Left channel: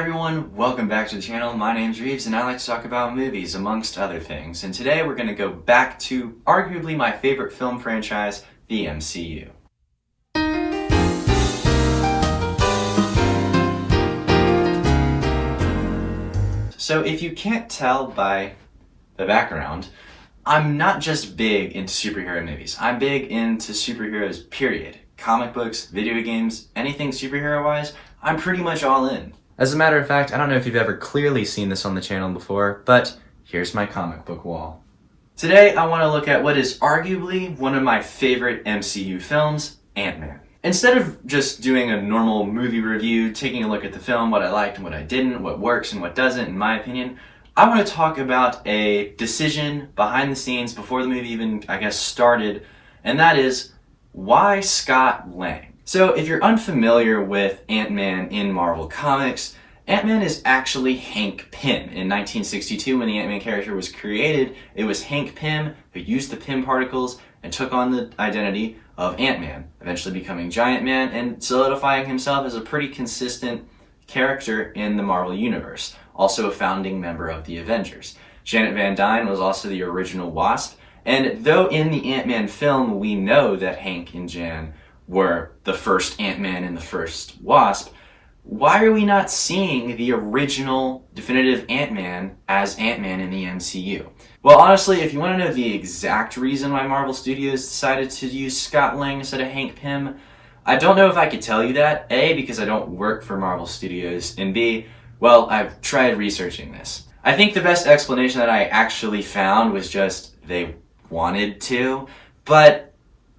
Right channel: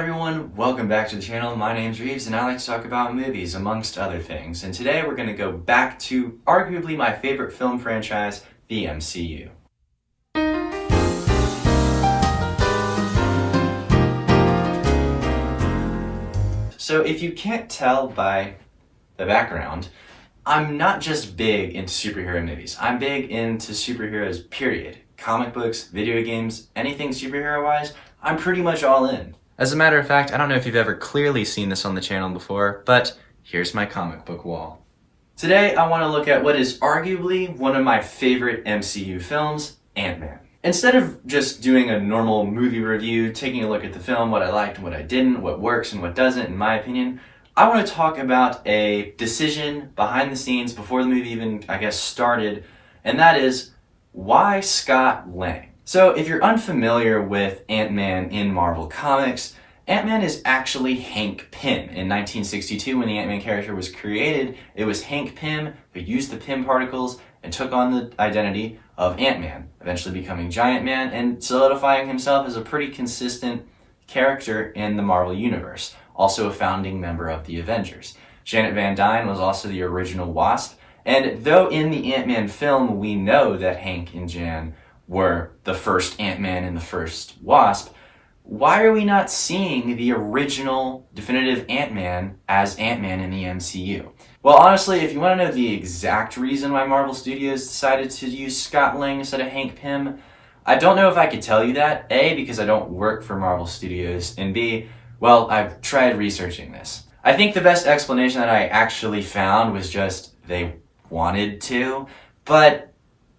everyone, welcome back to the channel. My name's Reeves and I like to talk about movies amongst other things. And today we're going to go back to arguably my favorite film franchise, the MCU. So if you can't tell by the background, I'm not just big into superhero movies. I'm big into superheroes, period. Comic books, video games, anything superhero-wise, I'm pretty much all in. As a matter of fact, I don't know if you've ever clearly seen this on the channel before, but here's my comic book wall. Today, I want to look at what is arguably one of my favorite MCU films, AntMan. Instead of just doing a normal movie review, taking a look at the film, what I liked and what I didn't, what works and what doesn't, in my opinion, I want to talk about a decision behind the scenes before the movie even, started, and that is, why Scott Lang? So if you're unfamiliar with Ant-Man in Marvel Comics, Ant-Man is actually Hank Pym. In 1962, when the Ant-Man character was created, it was Hank Pym who used the Pym particles and took on the identity of Ant-Man, eventually becoming Giant Man and solidifying himself as a pretty consistent character in the Marvel Universe, also a founding member of the Avengers. Janet Van Dyne was also the original Wasp, and though in the Ant-Man film we know that Hank and Jan were the first Ant-Man and the first Wasp, why are we not seeing the original definitive Ant-Man as Ant-Man in the MCU? Well, honestly, if you want to know the exact reason why Marvel Studios decided to use Scott Lang instead of Hank Pym, I don't know if I could tell you that, A, because I don't work for Marvel Studios, and B, well, I've tried researching this. I think the best explanation that I actually found was just they wanted to, but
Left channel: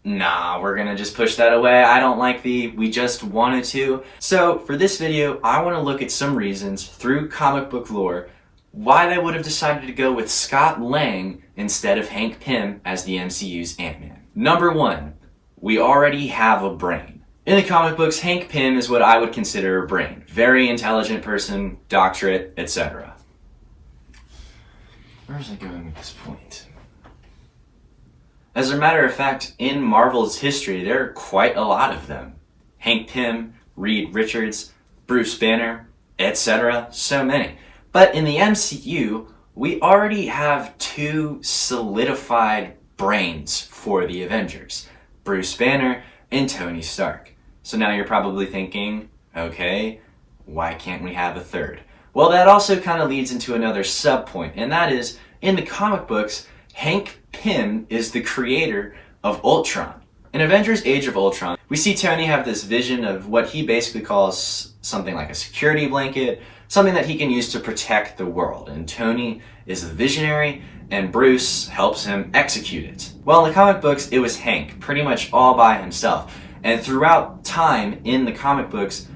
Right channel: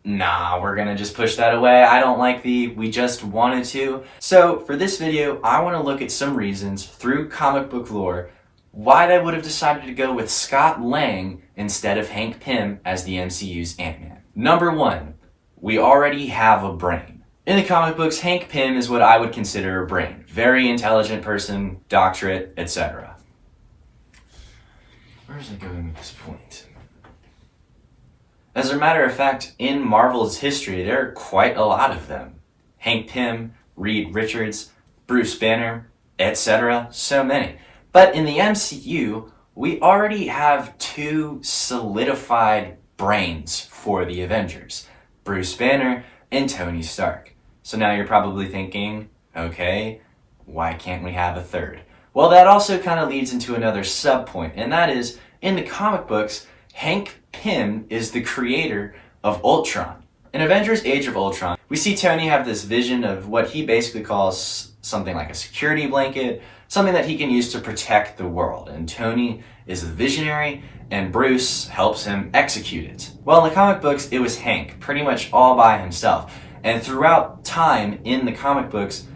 nah, we're gonna just push that away. I don't like the we just wanted to. So for this video, I want to look at some reasons through comic book lore why they would have decided to go with Scott Lang instead of Hank Pym as the MCU's Ant-Man. Number one, we already have a brain. In the comic books, Hank Pym is what I would consider a brain. Very intelligent person, doctorate, etc. Where is it going with this point? As a matter of fact, in Marvel's history, there are quite a lot of them. Hank Pym, Reed Richards, Bruce Banner, etc. So many. But in the MCU, we already have two solidified brains for the Avengers. Bruce Banner and Tony Stark. So now you're probably thinking, okay, why can't we have a third? Well, that also kind of leads into another sub-point, and that is, in the comic books, Hank Pym is the creator of Ultron. In Avengers Age of Ultron, we see Tony have this vision of what he basically calls something like a security blanket, something that he can use to protect the world. And Tony is the visionary, and Bruce helps him execute it. Well, in the comic books, it was Hank, pretty much all by himself. And throughout time in the comic books,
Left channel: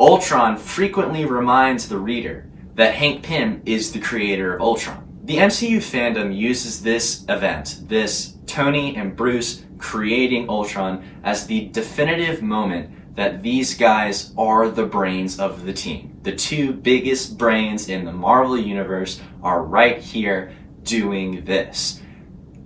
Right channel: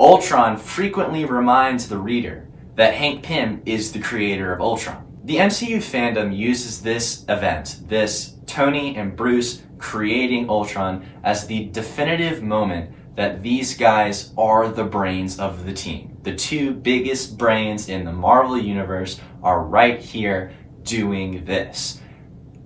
Ultron frequently reminds the reader that Hank Pym is the creator of Ultron. The MCU fandom uses this event, this Tony and Bruce creating Ultron, as the definitive moment that these guys are the brains of the team. The two biggest brains in the Marvel Universe are right here doing this.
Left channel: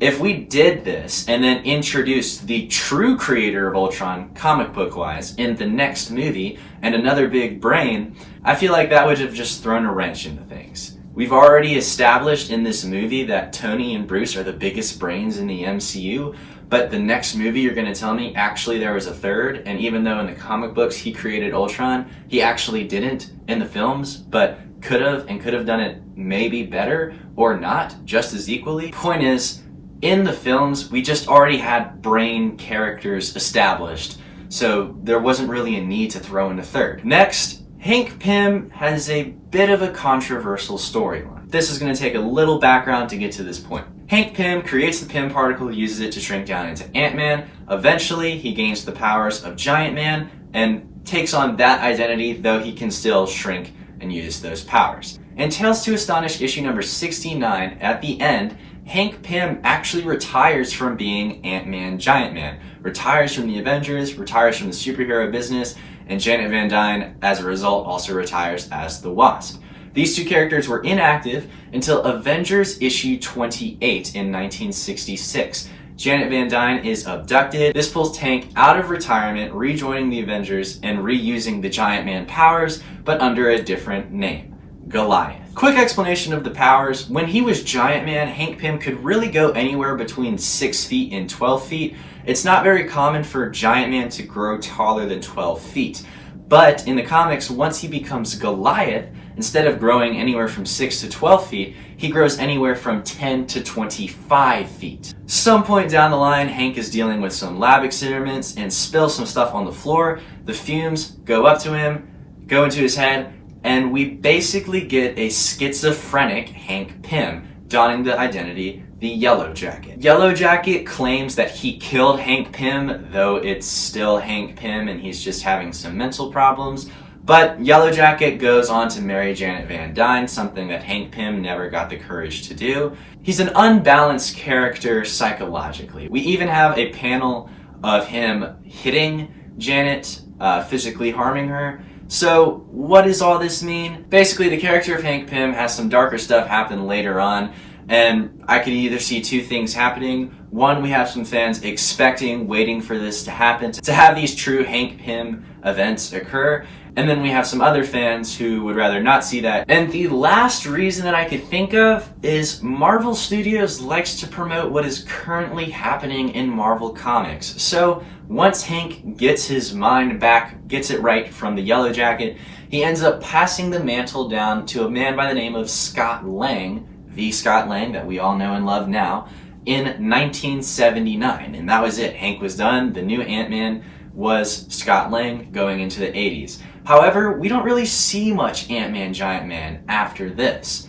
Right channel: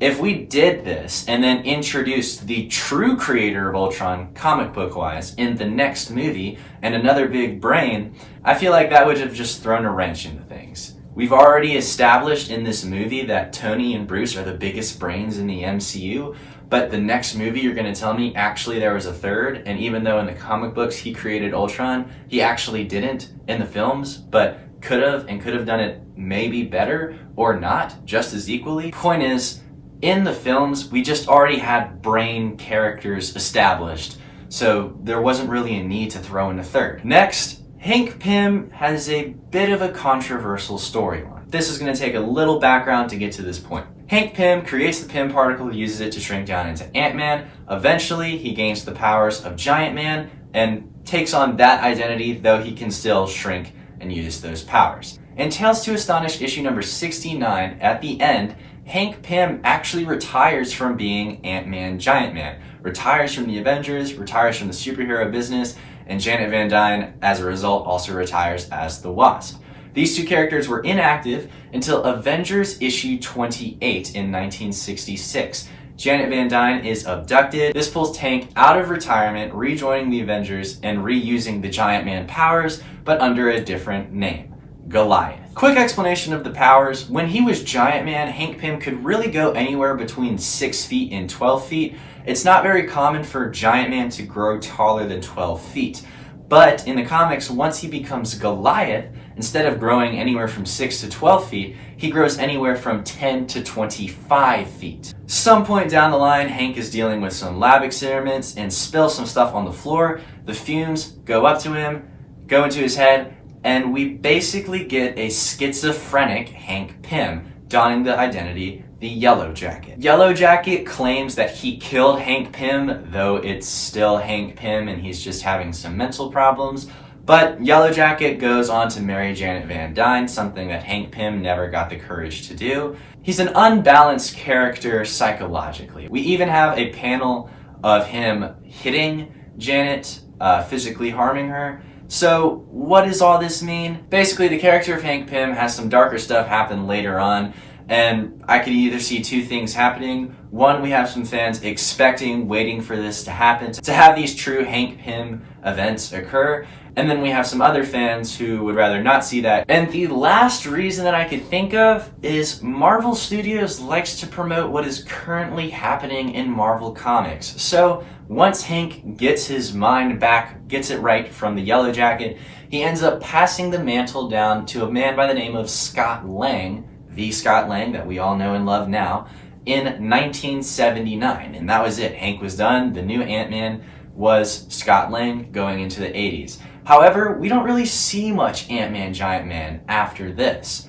If we did this and then introduced the true creator of Ultron, comic book wise, in the next movie and another big brain, I feel like that would have just thrown a wrench into things. We've already established in this movie that Tony and Bruce are the biggest brains in the MCU, but the next movie you're going to tell me actually there was a third, and even though in the comic books he created Ultron, he actually didn't in the films, but could have done it maybe better or not, just as equally. Point is, in the films, we just already had brain characters established, so there wasn't really a need to throw in a third. Next, Hank Pym has a bit of a controversial storyline. This is going to take a little background to get to this point. Hank Pym creates the Pym particle, uses it to shrink down into Ant-Man. Eventually, he gains the powers of Giant Man and takes on that identity, though he can still shrink and use those powers. In Tales to Astonish issue number 69, at the end, Hank Pym actually retires from being Ant-Man Giant Man, retires from the Avengers, retires from the superhero business, and Janet Van Dyne, as a result, also retires as the Wasp. These two characters were inactive until Avengers issue 28 in 1966. Janet Van Dyne is abducted. This pulls Hank out of retirement, rejoining the Avengers and reusing the Giant Man powers but under a different name, Goliath. Quick explanation of the powers. When he was Giant Man, Hank Pym could really go anywhere between 6 feet and 12 feet. It's not very common for Giant Man to grow taller than 12 feet. But in the comics, once he becomes Goliath, instead of growing anywhere from 6 to 12 feet, he grows anywhere from 10 to 25 feet. Some point down the line, Hank is dealing with some lab experiments and spills some stuff on the floor. The fumes go up to him, go into his head, and we basically get a schizophrenic Hank Pym donning the identity, the Yellow Jacket. Yellow Jacket claims that he killed Hank Pym, though it's still Hank Pym and he's just having some mental problems. But Yellow Jacket goes on to marry Janet Van Dyne, something that Hank Pym never got the courage to do. He's an unbalanced character psychologically. We even have a panel of him hitting Janet, physically harming her. So what does all this mean? Basically, the character of Hank Pym has some darker stuff happen later on, and I could either see two things happening. One, we have some fans expecting, waiting for this to happen, to have these true Hank Pym events occur, and then we have some other fans who would rather not see that. And the last reason that I could think of is Marvel Studios likes to promote what is currently happening in Marvel Comics. So once Hank gets his mind back, gets it right from the Yellow Jacket, he ends up passing the mantle down to a man by the name of Scott Lang, the Scott Lang that we all know and love now, in 1979. And that was it. Hank was done. The new Ant-Man was Scott Lang going into the 80s. However, we don't really see much Ant-Man Giant Man after this.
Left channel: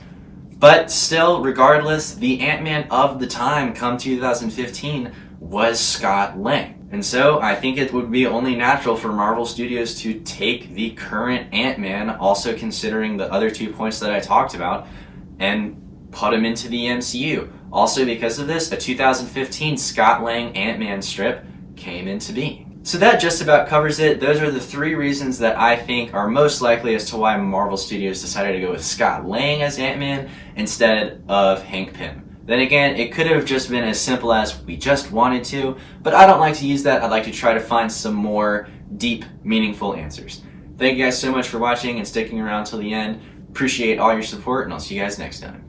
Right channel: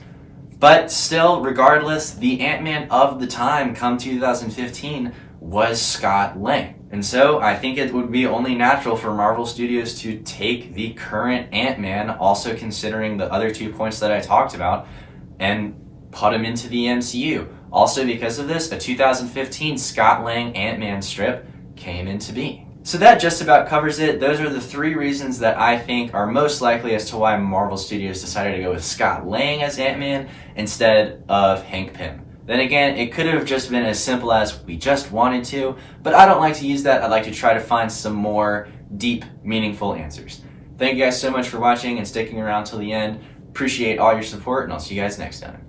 But still, regardless, the Ant-Man of the time, come 2015, was Scott Lang. And so I think it would be only natural for Marvel Studios to take the current Ant-Man, also considering the other 2 points that I talked about, and put him into the MCU. Also because of this, a 2015 Scott Lang Ant-Man strip came into being. So that just about covers it. Those are the 3 reasons that I think are most likely as to why Marvel Studios decided to go with Scott Lang as Ant-Man instead of Hank Pym. Then again, it could have just been as simple as we just wanted to, but I don't like to use that. I'd like to try to find some more deep, meaningful answers. Thank you guys so much for watching and sticking around till the end. Appreciate all your support, and I'll see you guys next time.